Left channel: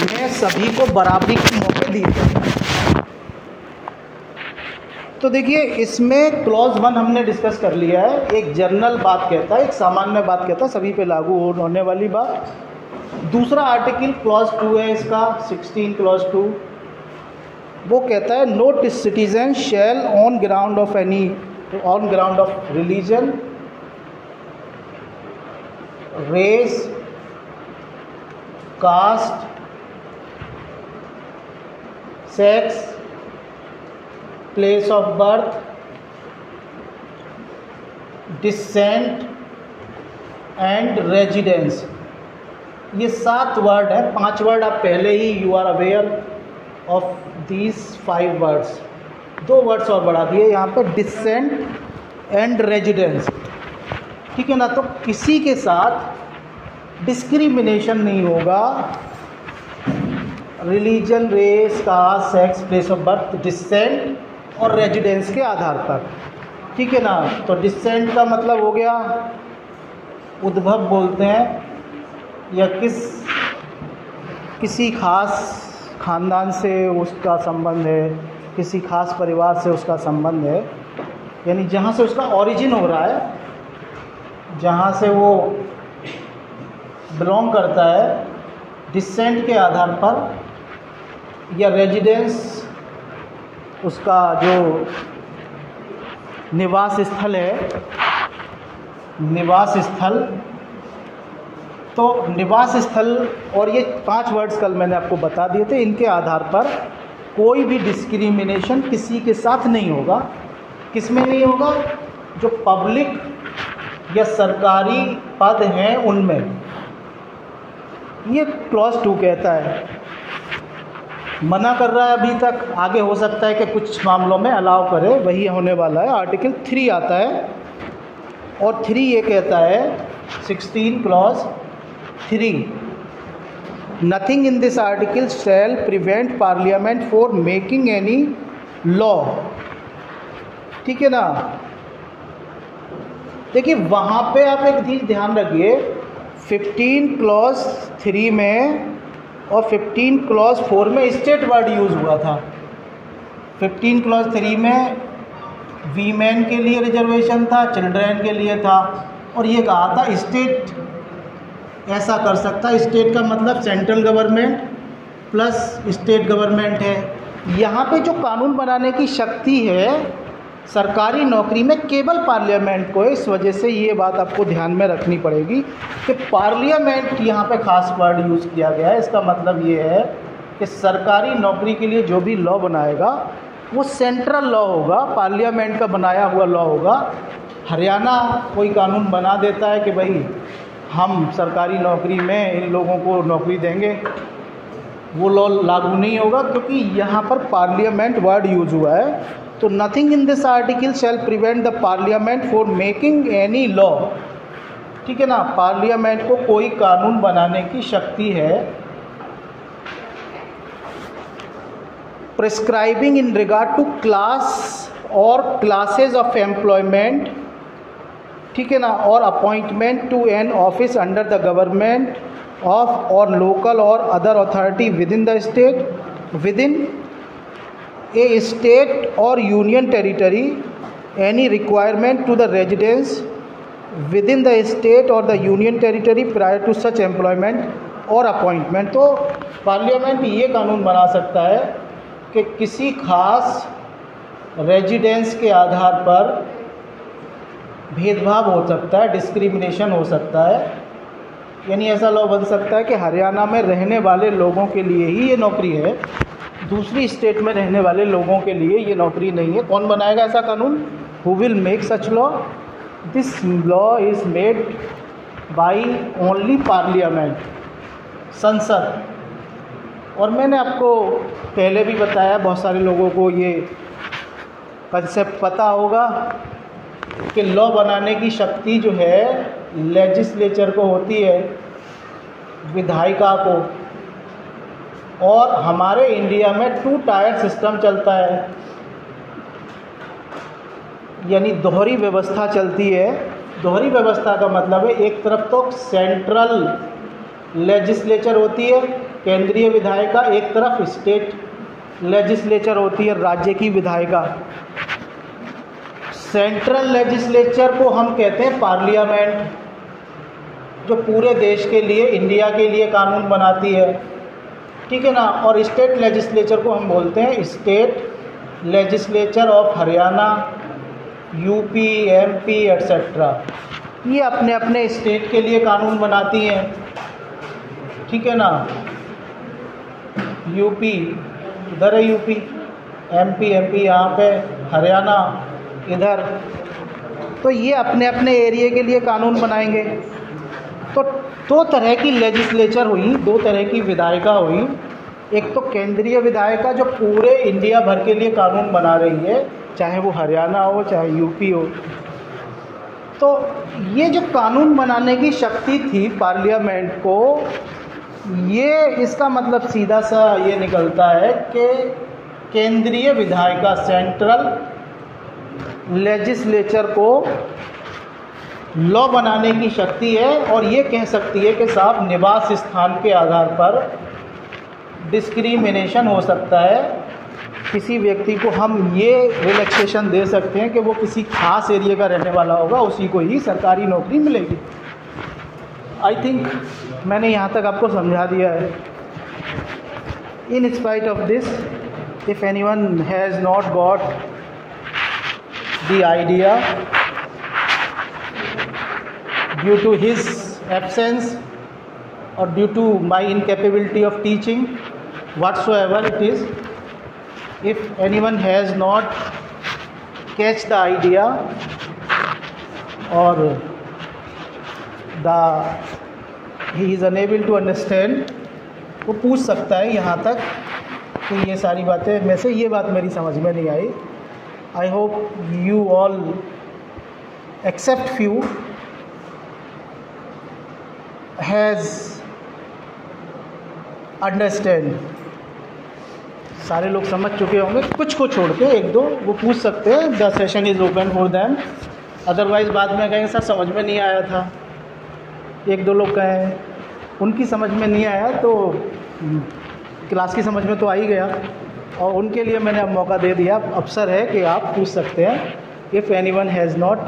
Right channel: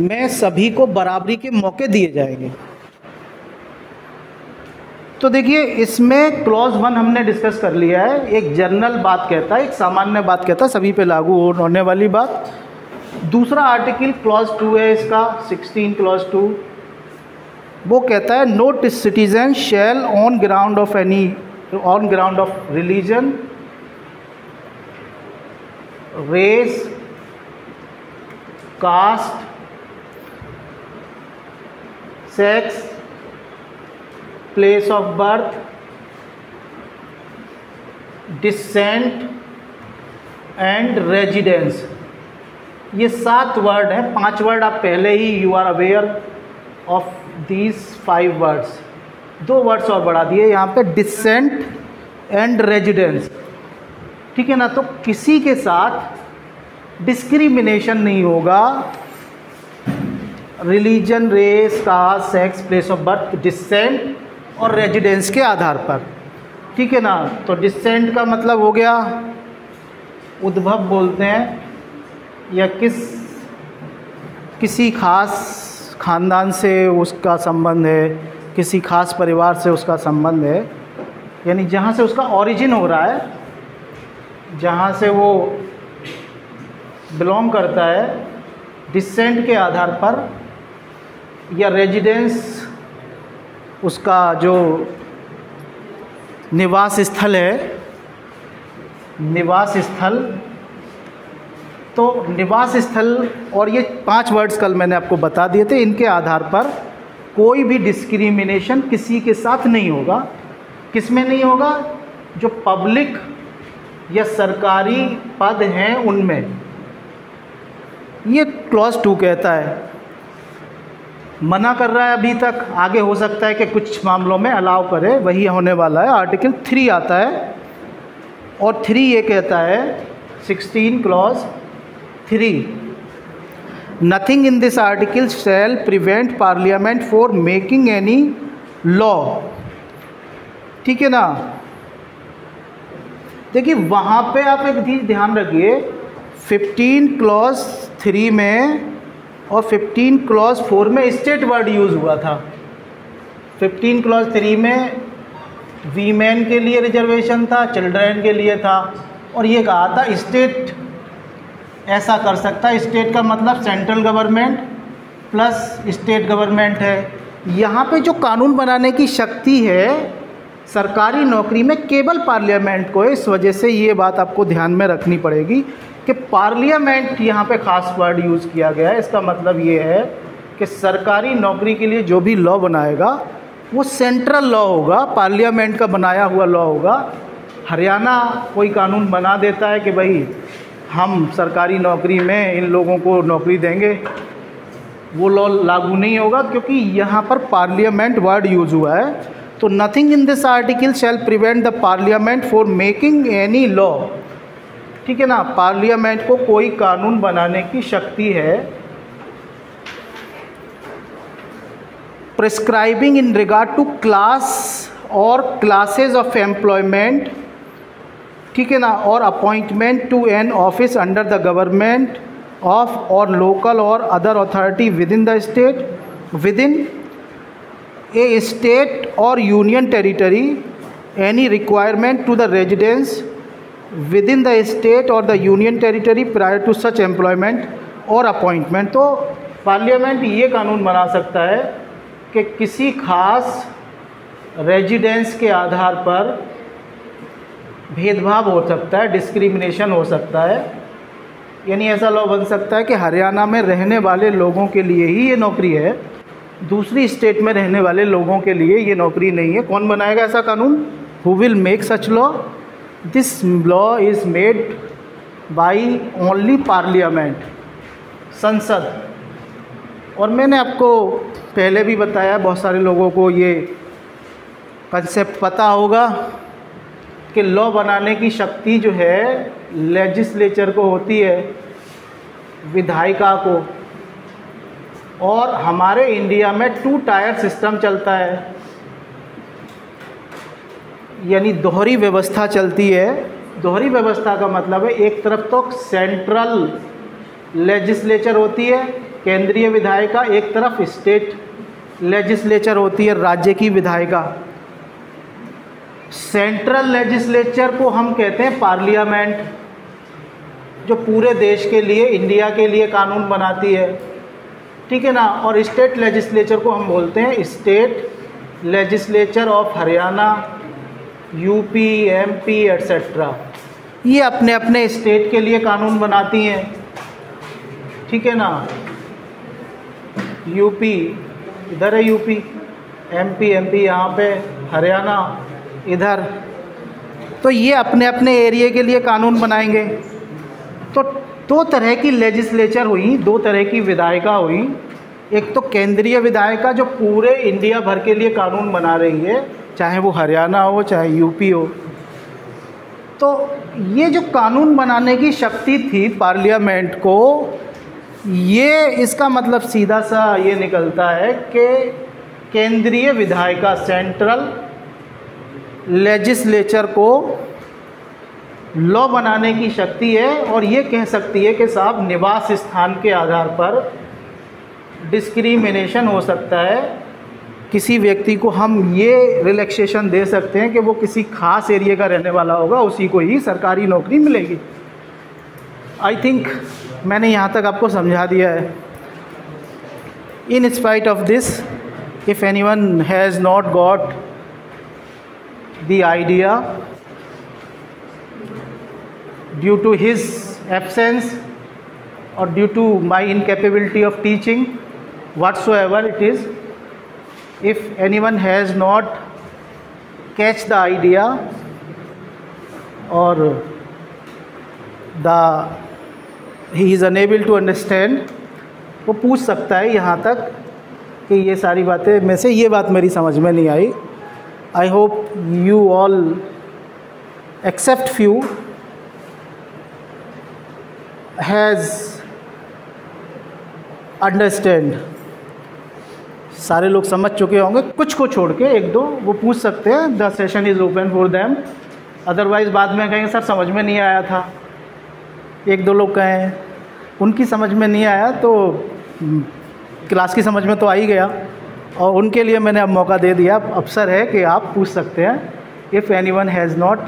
में सभी को बराबरी के मौके दिए जाएंगे। तो देखिए, इसमें क्लॉज 1 हमने डिस्कस कर लिया है। एक जनरल बात कहता है, एक सामान्य बात कहता है, सभी पे लागू होने वाली बात। दूसरा आर्टिकल क्लॉज 2 है इसका, 16 क्लॉज 2, वो कहता है no citizen shall on ground of religion, race, caste, sex, place of birth, descent and residence. ये 7 वर्ड है। 5 वर्ड आप पहले ही you are aware of these 5 words. 2 words और बढ़ा दिए यहाँ पे, डिसेंट एंड रेजिडेंस। ठीक है ना। तो किसी के साथ डिस्क्रिमिनेशन नहीं होगा religion, race, caste, sex, place of birth, descent और रेजिडेंस के आधार पर। ठीक है ना। तो डिसेंट का मतलब हो गया उद्भव बोलते हैं, या किसी खास खानदान से उसका संबंध है, किसी खास परिवार से उसका संबंध है, यानी जहाँ से उसका ओरिजिन हो रहा है, जहाँ से वो बिलोंग करता है, डिसेंट के आधार पर, या रेजिडेंस उसका जो निवास स्थल है, निवास स्थल। तो निवास स्थल और ये 5 वर्ड्स कल मैंने आपको बता दिए थे, इनके आधार पर कोई भी डिस्क्रिमिनेशन किसी के साथ नहीं होगा। किस में नहीं होगा? जो पब्लिक या सरकारी पद हैं उनमें। ये क्लॉज 2 कहता है। मना कर रहा है अभी तक, आगे हो सकता है कि कुछ मामलों में अलाउ करे, वही होने वाला है। आर्टिकल 3 आता है और 3 ये कहता है, 16 clause 3, nothing in this article shall prevent parliament for making any law. ठीक है ना। देखिए वहाँ पे आप एक चीज़ ध्यान रखिए, 15 क्लॉज 3 में और 15 क्लॉज 4 में स्टेट वर्ड यूज़ हुआ था। 15 क्लॉज 3 में वीमेन के लिए रिजर्वेशन था, चिल्ड्रेन के लिए था, और ये कहा था स्टेट ऐसा कर सकता है। स्टेट का मतलब central government plus state government है। यहाँ पे जो कानून बनाने की शक्ति है सरकारी नौकरी में केवल पार्लियामेंट को है। इस वजह से ये बात आपको ध्यान में रखनी पड़ेगी कि पार्लियामेंट यहाँ पे खास वर्ड यूज़ किया गया है। इसका मतलब ये है कि सरकारी नौकरी के लिए जो भी लॉ बनाएगा वो सेंट्रल लॉ होगा, पार्लियामेंट का बनाया हुआ लॉ होगा। हरियाणा कोई कानून बना देता है कि भाई हम सरकारी नौकरी में इन लोगों को नौकरी देंगे, वो लॉ लागू नहीं होगा, क्योंकि यहाँ पर पार्लियामेंट वर्ड यूज़ हुआ है। तो nothing in this article shall prevent the parliament for making any law. ठीक है ना। पार्लियामेंट को कोई कानून बनाने की शक्ति है। Prescribing in regard to class और क्लासेस ऑफ एम्प्लॉयमेंट। ठीक है ना। और appointment to an office under the government of और लोकल और other authority within the state, within a state or union territory, any requirement to the residence within the state or the union territory prior to such employment or appointment। तो parliament ये कानून बना सकता है कि किसी खास residence के आधार पर भेदभाव हो सकता है, डिस्क्रिमिनेशन हो सकता है। यानी ऐसा लॉ बन सकता है कि हरियाणा में रहने वाले लोगों के लिए ही ये नौकरी है, दूसरी स्टेट में रहने वाले लोगों के लिए ये नौकरी नहीं है। कौन बनाएगा ऐसा कानून? Who will make such law? This law is made by only parliament, संसद। और मैंने आपको पहले भी बताया, बहुत सारे लोगों को ये कंसेप्ट पता होगा कि लॉ बनाने की शक्ति जो है लेजिस्लेचर को होती है, विधायिका को। और हमारे इंडिया में 2 टायर सिस्टम चलता है, यानी दोहरी व्यवस्था चलती है। दोहरी व्यवस्था का मतलब है एक तरफ तो सेंट्रल लेजिस्लेचर होती है केंद्रीय विधायिका, एक तरफ स्टेट लेजिस्लेचर होती है, राज्य की विधायिका। सेंट्रल लेजिस्लेचर को हम कहते हैं पार्लियामेंट, जो पूरे देश के लिए, इंडिया के लिए कानून बनाती है, ठीक है ना। और स्टेट लेजिस्लेचर को हम बोलते हैं state legislature of Haryana, UP, MP etcetera. ये अपने अपने स्टेट के लिए कानून बनाती हैं, ठीक है ना। यूपी इधर है, यूपी, एमपी यहाँ पे, हरियाणा इधर। तो ये अपने अपने एरिया के लिए कानून बनाएंगे। तो दो तरह की लेजिस्लेचर हुई, दो तरह की विधायिका हुई। एक तो केंद्रीय विधायिका जो पूरे इंडिया भर के लिए कानून बना रही है, चाहे वो हरियाणा हो चाहे यूपी हो। तो ये जो कानून बनाने की शक्ति थी पार्लियामेंट को, ये इसका मतलब सीधा सा ये निकलता है कि केंद्रीय विधायिका, सेंट्रल लेजिस्लेचर को लॉ बनाने की शक्ति है। और ये कह सकती है कि साहब निवास स्थान के आधार पर डिस्क्रिमिनेशन हो सकता है, किसी व्यक्ति को हम ये रिलैक्सेशन दे सकते हैं कि वो किसी खास एरिया का रहने वाला होगा, उसी को ही सरकारी नौकरी मिलेगी। आई थिंक मैंने यहाँ तक आपको समझा दिया है। In spite of this, if anyone has not got the idea due to his absence or due to my incapability of teaching, whatsoever it is, if anyone has not catch the idea or he is unable to understand, वो पूछ सकता है यहाँ तक कि ये सारी बातें में से ये बात मेरी समझ में नहीं आई। I hope you all except few has understand. सारे लोग समझ चुके होंगे, कुछ को छोड़ के एक दो वो पूछ सकते हैं। The session is open for them. Otherwise बाद में कहेंगे सर समझ में नहीं आया था। एक दो लोग कहें उनकी समझ में नहीं आया, तो क्लास की समझ में तो आ ही गया, और उनके लिए मैंने अब मौका दे दिया। अवसर है कि आप पूछ सकते हैं if anyone has not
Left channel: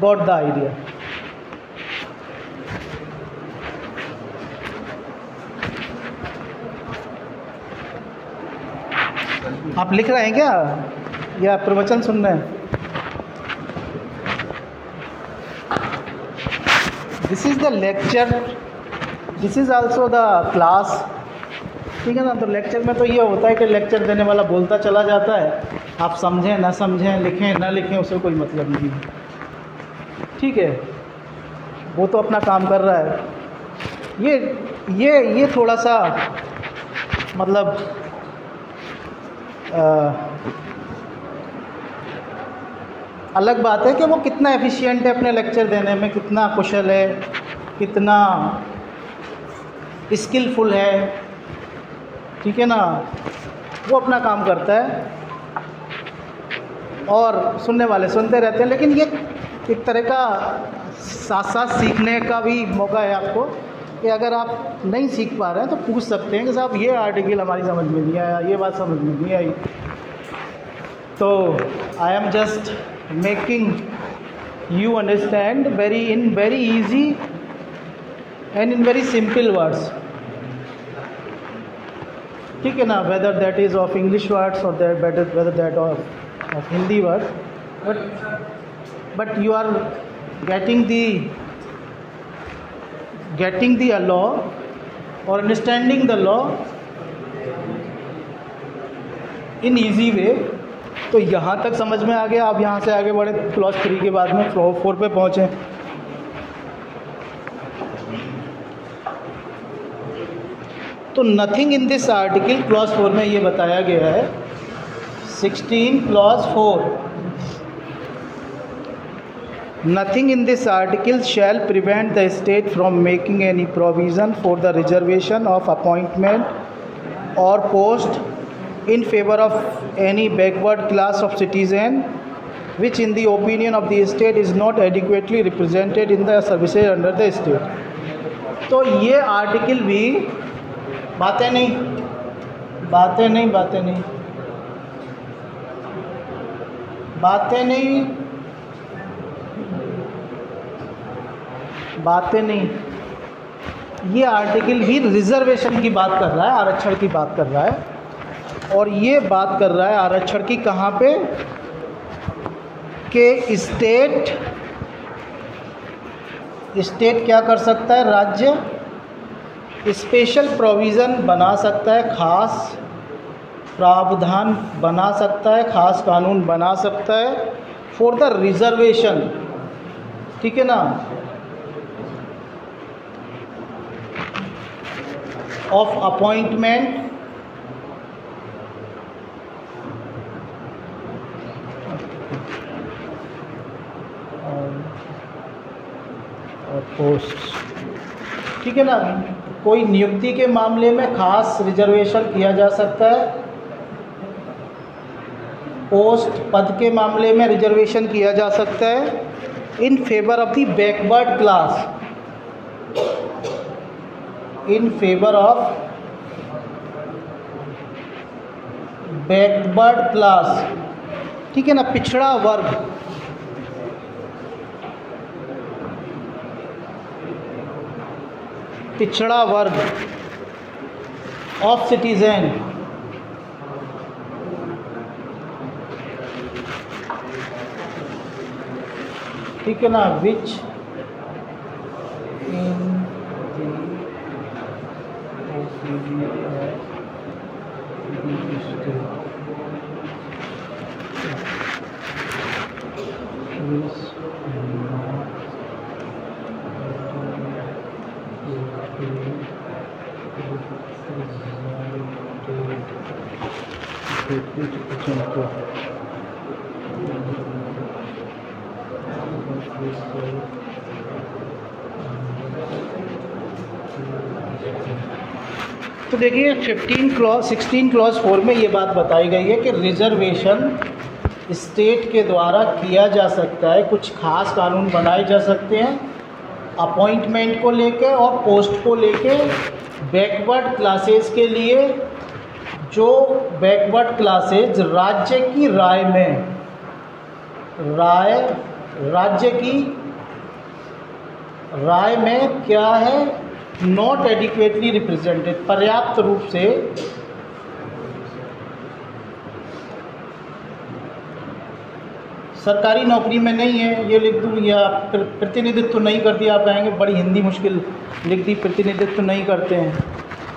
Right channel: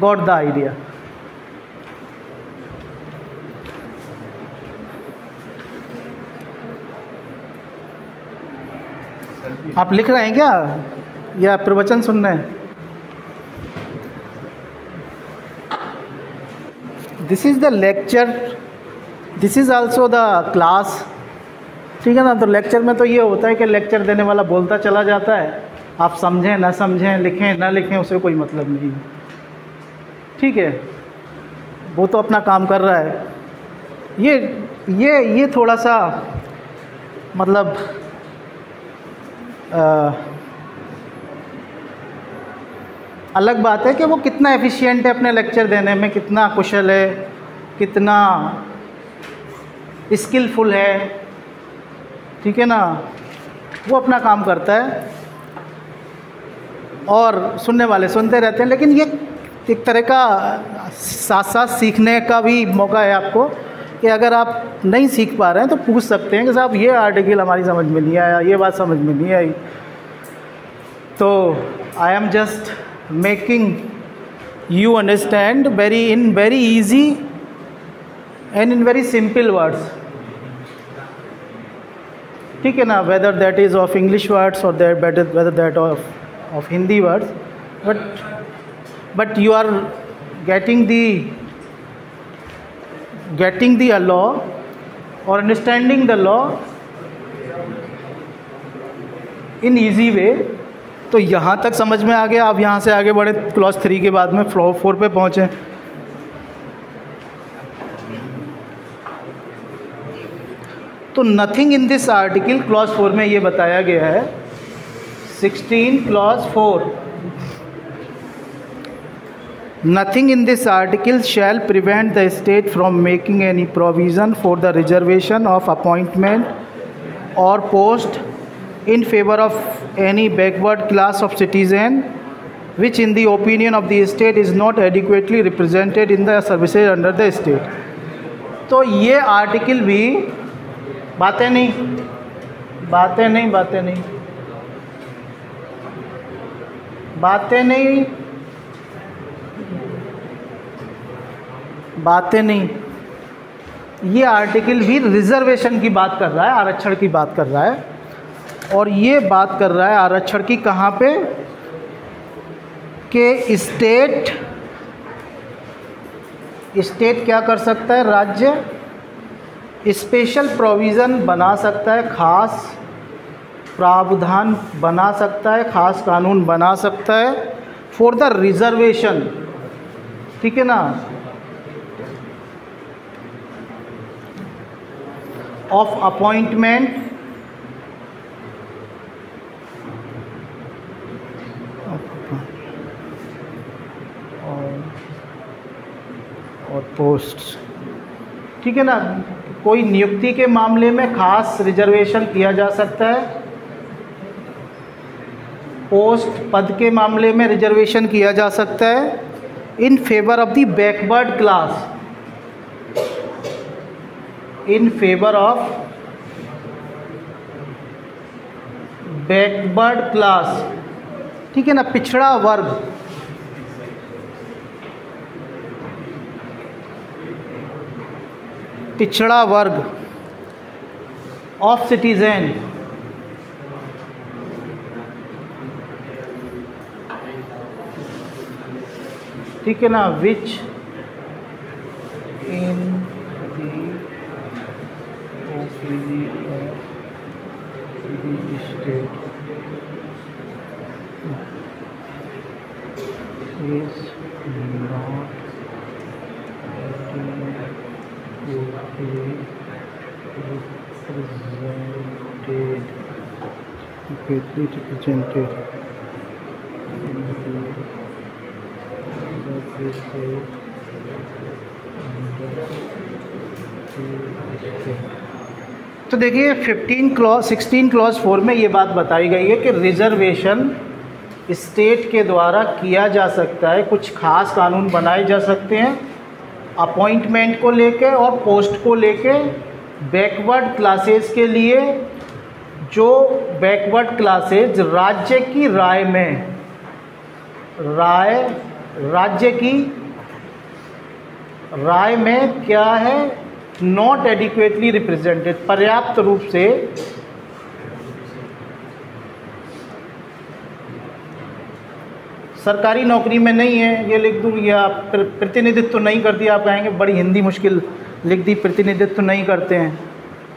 got the idea. आप लिख रहे हैं क्या या प्रवचन सुन रहे हैं? This is the lecture, this is also the class, ठीक है ना। तो लेक्चर में तो ये होता है कि लेक्चर देने वाला बोलता चला जाता है, आप समझें ना समझें, लिखें ना लिखें, उसे कोई मतलब नहीं, ठीक है। वो तो अपना काम कर रहा है। ये थोड़ा सा मतलब अलग बात है कि वो कितना एफिशिएंट है अपने लेक्चर देने में, कितना कुशल है, कितना स्किलफुल है, ठीक है ना। वो अपना काम करता है और सुनने वाले सुनते रहते हैं। लेकिन ये एक तरह का साथ साथ सीखने का भी मौका है आपको, कि अगर आप नहीं सीख पा रहे हैं तो पूछ सकते हैं कि साहब ये आर्टिकल हमारी समझ में नहीं आया, ये बात समझ में नहीं आई। तो I am just making you understand in very easy and in very simple words, ठीक है ना। whether that is of English words or whether that of Hindi words, but you are getting the law or understanding the law in easy way। तो यहाँ तक समझ में आ गया। अब यहाँ से आगे बढ़े, क्लॉज 3 के बाद में फ्लो 4 पे पहुँचे। तो nothing in this article, clause 4 में ये बताया गया है 16 clause 4, nothing in this article shall prevent the state from making any provision for the reservation of appointment और post in favor of any backward class of citizen which in the opinion of the state is not adequately represented in the services under the state। तो ये article भी बातें नहीं, बातें नहीं, बातें नहीं, बातें नहीं, बातें नहीं। ये आर्टिकल भी रिजर्वेशन की बात कर रहा है, आरक्षण की बात कर रहा है। और ये बात कर रहा है आरक्षण की कहाँ पे, कि स्टेट क्या कर सकता है, राज्य स्पेशल प्रोविज़न बना सकता है, खास प्रावधान बना सकता है, खास कानून बना सकता है फॉर द रिजर्वेशन, ठीक है ना, ऑफ अपॉइंटमेंट और पोस्ट, ठीक है ना। कोई नियुक्ति के मामले में खास रिजर्वेशन किया जा सकता है, पोस्ट पद के मामले में रिजर्वेशन किया जा सकता है in favour of the backward class, in favour of backward class, ठीक है ना, पिछड़ा वर्ग, पिछड़ा वर्ग ऑफ सिटीजन, ठीक है ना, विच इन तो देखिए 16 क्लॉज 4 में ये बात बताई गई है कि रिजर्वेशन स्टेट के द्वारा किया जा सकता है, कुछ खास कानून बनाए जा सकते हैं अपॉइंटमेंट को लेके और पोस्ट को लेके बैकवर्ड क्लासेस के लिए, जो बैकवर्ड क्लासेज राज्य की राय में, राज्य की राय में क्या है, नॉट एडिक्वेटली रिप्रेजेंटेड, पर्याप्त रूप से सरकारी नौकरी में नहीं है, ये लिख दूँ, या प्रतिनिधित्व नहीं करती। आप कहेंगे बड़ी हिंदी मुश्किल लिख दी, प्रतिनिधित्व नहीं करते हैं,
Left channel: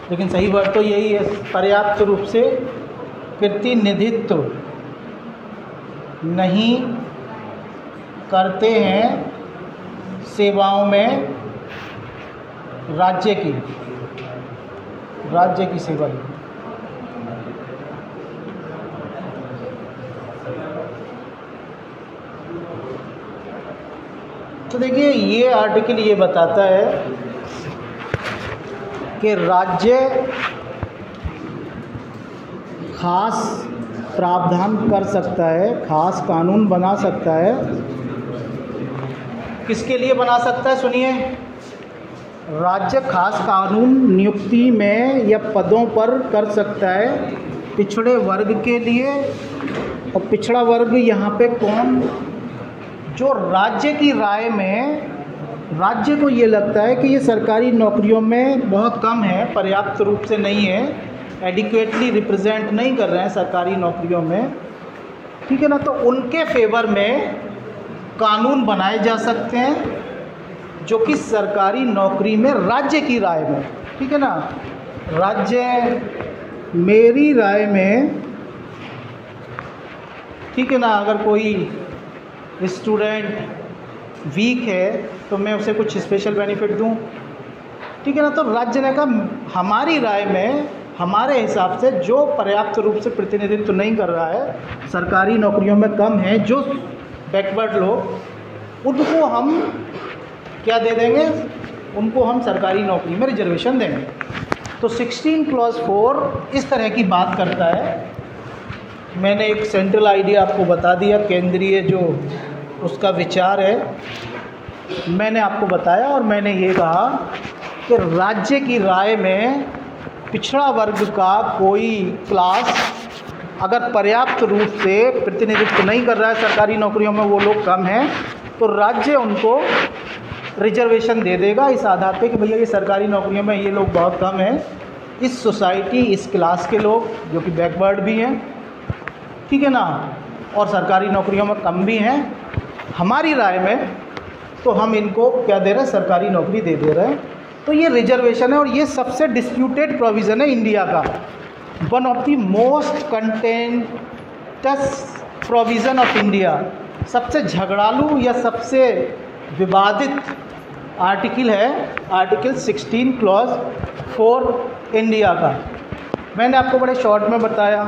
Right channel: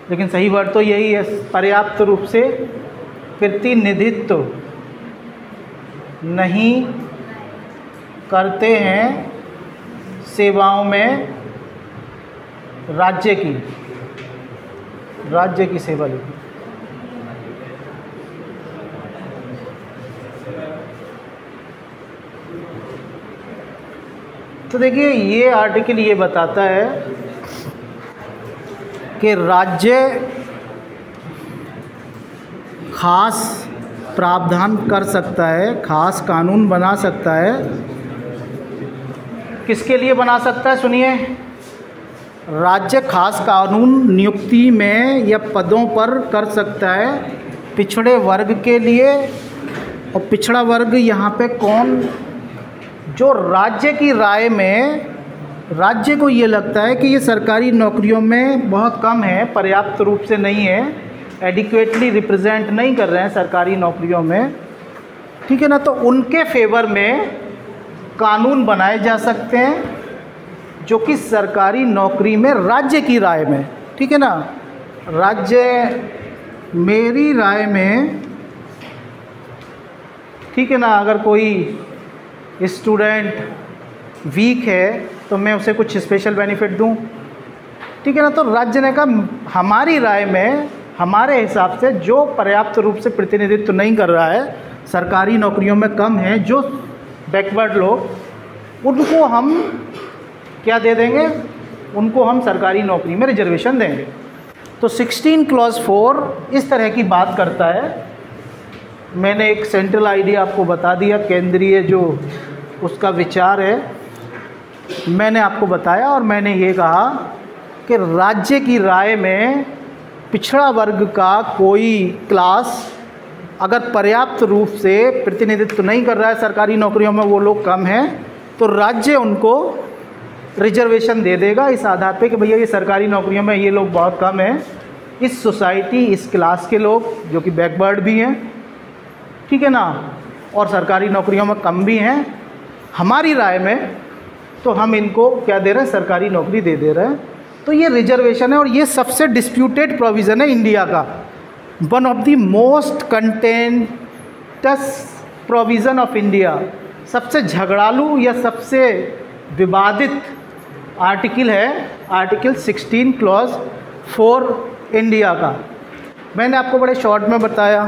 लेकिन सही वर्ड तो यही है, पर्याप्त रूप से प्रतिनिधित्व नहीं करते हैं सेवाओं में राज्य की सेवा लिखी। तो देखिए ये आर्टिकल ये बताता है कि राज्य खास प्रावधान कर सकता है, खास कानून बना सकता है। किसके लिए बना सकता है, सुनिए, राज्य खास कानून नियुक्ति में या पदों पर कर सकता है पिछड़े वर्ग के लिए। और पिछड़ा वर्ग यहाँ पे कौन, जो राज्य की राय में, राज्य को ये लगता है कि ये सरकारी नौकरियों में बहुत कम है, पर्याप्त रूप से नहीं है, एडिक्वेटली रिप्रेजेंट नहीं कर रहे हैं सरकारी नौकरियों में, ठीक है ना, तो उनके फेवर में कानून बनाए जा सकते हैं जो कि सरकारी नौकरी में राज्य की राय में, ठीक है ना, राज्य मेरी राय में, ठीक है ना, अगर कोई स्टूडेंट वीक है तो मैं उसे कुछ स्पेशल बेनिफिट दूं, ठीक है ना। तो राज्य ने कहा हमारी राय में, हमारे हिसाब से जो पर्याप्त रूप से प्रतिनिधित्व नहीं कर रहा है, सरकारी नौकरियों में कम है, जो बैकवर्ड लोग, उनको हम क्या दे देंगे, उनको हम सरकारी नौकरी में रिजर्वेशन देंगे। तो 16 क्लॉज 4 इस तरह की बात करता है। मैंने एक सेंट्रल आइडिया आपको बता दिया, केंद्रीय जो उसका विचार है मैंने आपको बताया, और मैंने ये कहा कि राज्य की राय में पिछड़ा वर्ग का कोई क्लास अगर पर्याप्त रूप से प्रतिनिधित्व नहीं कर रहा है सरकारी नौकरियों में, वो लोग कम हैं, तो राज्य उनको रिजर्वेशन दे देगा इस आधार पे कि भैया ये सरकारी नौकरियों में ये लोग बहुत कम हैं, इस सोसाइटी इस क्लास के लोग जो कि बैकवर्ड भी हैं, ठीक है ना, और सरकारी नौकरियों में कम भी हैं, हमारी राय में तो हम इनको क्या दे रहे हैं, सरकारी नौकरी दे रहे हैं। तो ये रिजर्वेशन है और ये सबसे डिस्प्यूटेड प्रोविज़न है इंडिया का, one of the most contents provision of India. सबसे झगड़ालू या सबसे विवादित आर्टिकल है आर्टिकल 16 क्लॉज 4 इंडिया का। मैंने आपको बड़े शॉर्ट में बताया,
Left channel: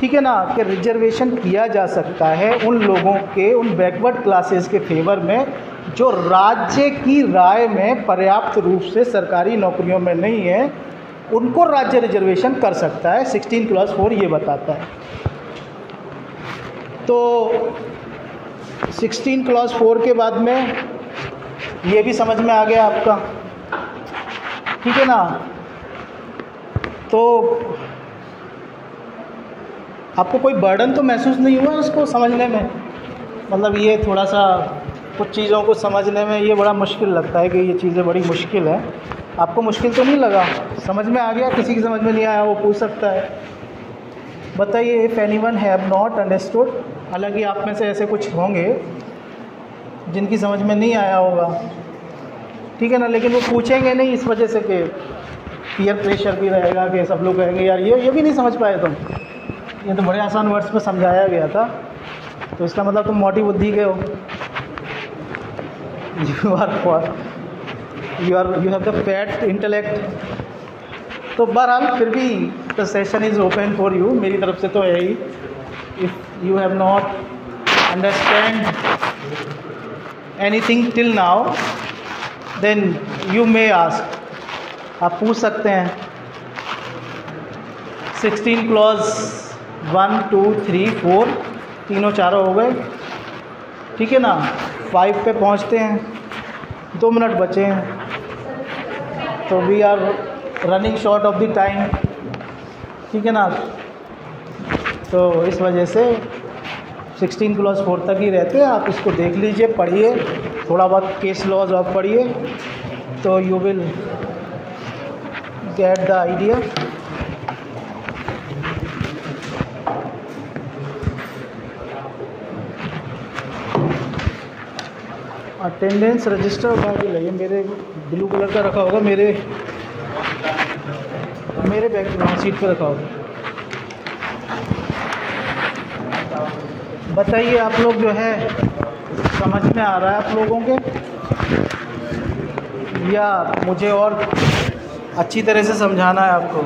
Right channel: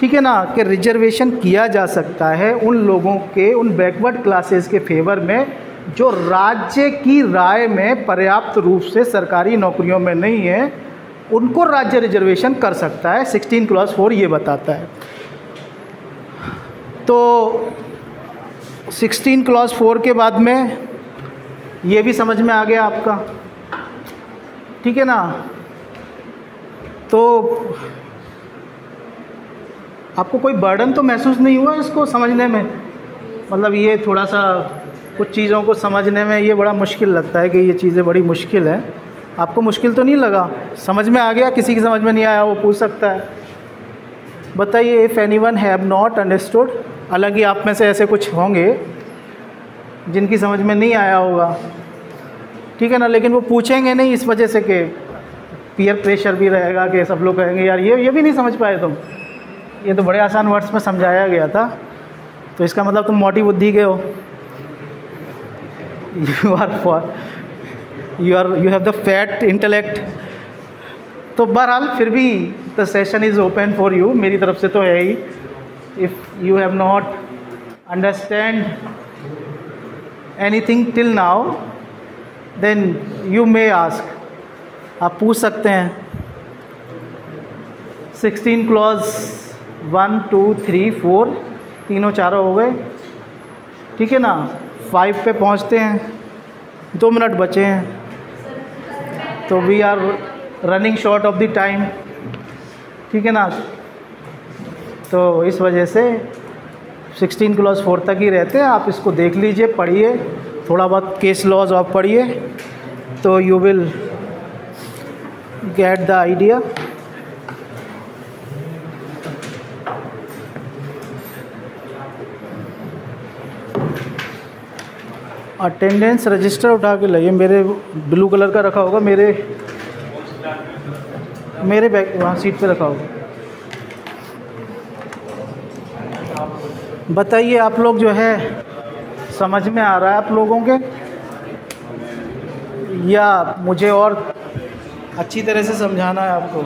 ठीक है ना, कि रिजर्वेशन किया जा सकता है उन लोगों के, उन बैकवर्ड क्लासेस के फेवर में जो राज्य की राय में पर्याप्त रूप से सरकारी नौकरियों में नहीं है, उनको राज्य रिजर्वेशन कर सकता है। 16 क्लॉज 4 ये बताता है। तो 16 क्लॉज 4 के बाद में ये भी समझ में आ गया आपका, ठीक है ना। तो आपको कोई बर्डन तो महसूस नहीं हुआ इसको समझने में? मतलब ये थोड़ा सा कुछ चीज़ों को समझने में ये बड़ा मुश्किल लगता है कि ये चीज़ें बड़ी मुश्किल है। आपको मुश्किल तो नहीं लगा? समझ में आ गया? किसी की समझ में नहीं आया वो पूछ सकता है। बताइए, if anyone have not understood. हालांकि आप में से ऐसे कुछ होंगे जिनकी समझ में नहीं आया होगा, ठीक है ना, लेकिन वो पूछेंगे नहीं इस वजह से कि पीयर प्रेशर भी रहेगा कि सब लोग कहेंगे यार ये भी नहीं समझ पाए तुम, ये तो बड़े आसान वर्ड्स में समझाया गया था, तो इसका मतलब तुम मोटी बुद्धि के हो, you have the fat intellect. तो बहरहाल फिर भी the session is open for you, मेरी तरफ से तो है ही। If you have not understand anything till now then you may ask, आप पूछ सकते हैं। 16 क्लॉज 1 2 3 4 तीनों चारों हो गए, ठीक है ना। 5 पे पहुंचते हैं, 2 मिनट बचे हैं, तो we are running short of the time, ठीक है ना। तो इस वजह से 16 क्लॉज 4 तक ही रहते हैं। आप इसको देख लीजिए, पढ़िए, थोड़ा बहुत केस लॉज आप पढ़िए तो you will get the idea. Attendance register उठा के लाइए, मेरे ब्लू कलर का रखा होगा, मेरे बैक सीट पे रखा होगा। बताइए आप लोग जो है समझ में आ रहा है आप लोगों के, या मुझे और अच्छी तरह से समझाना है आपको?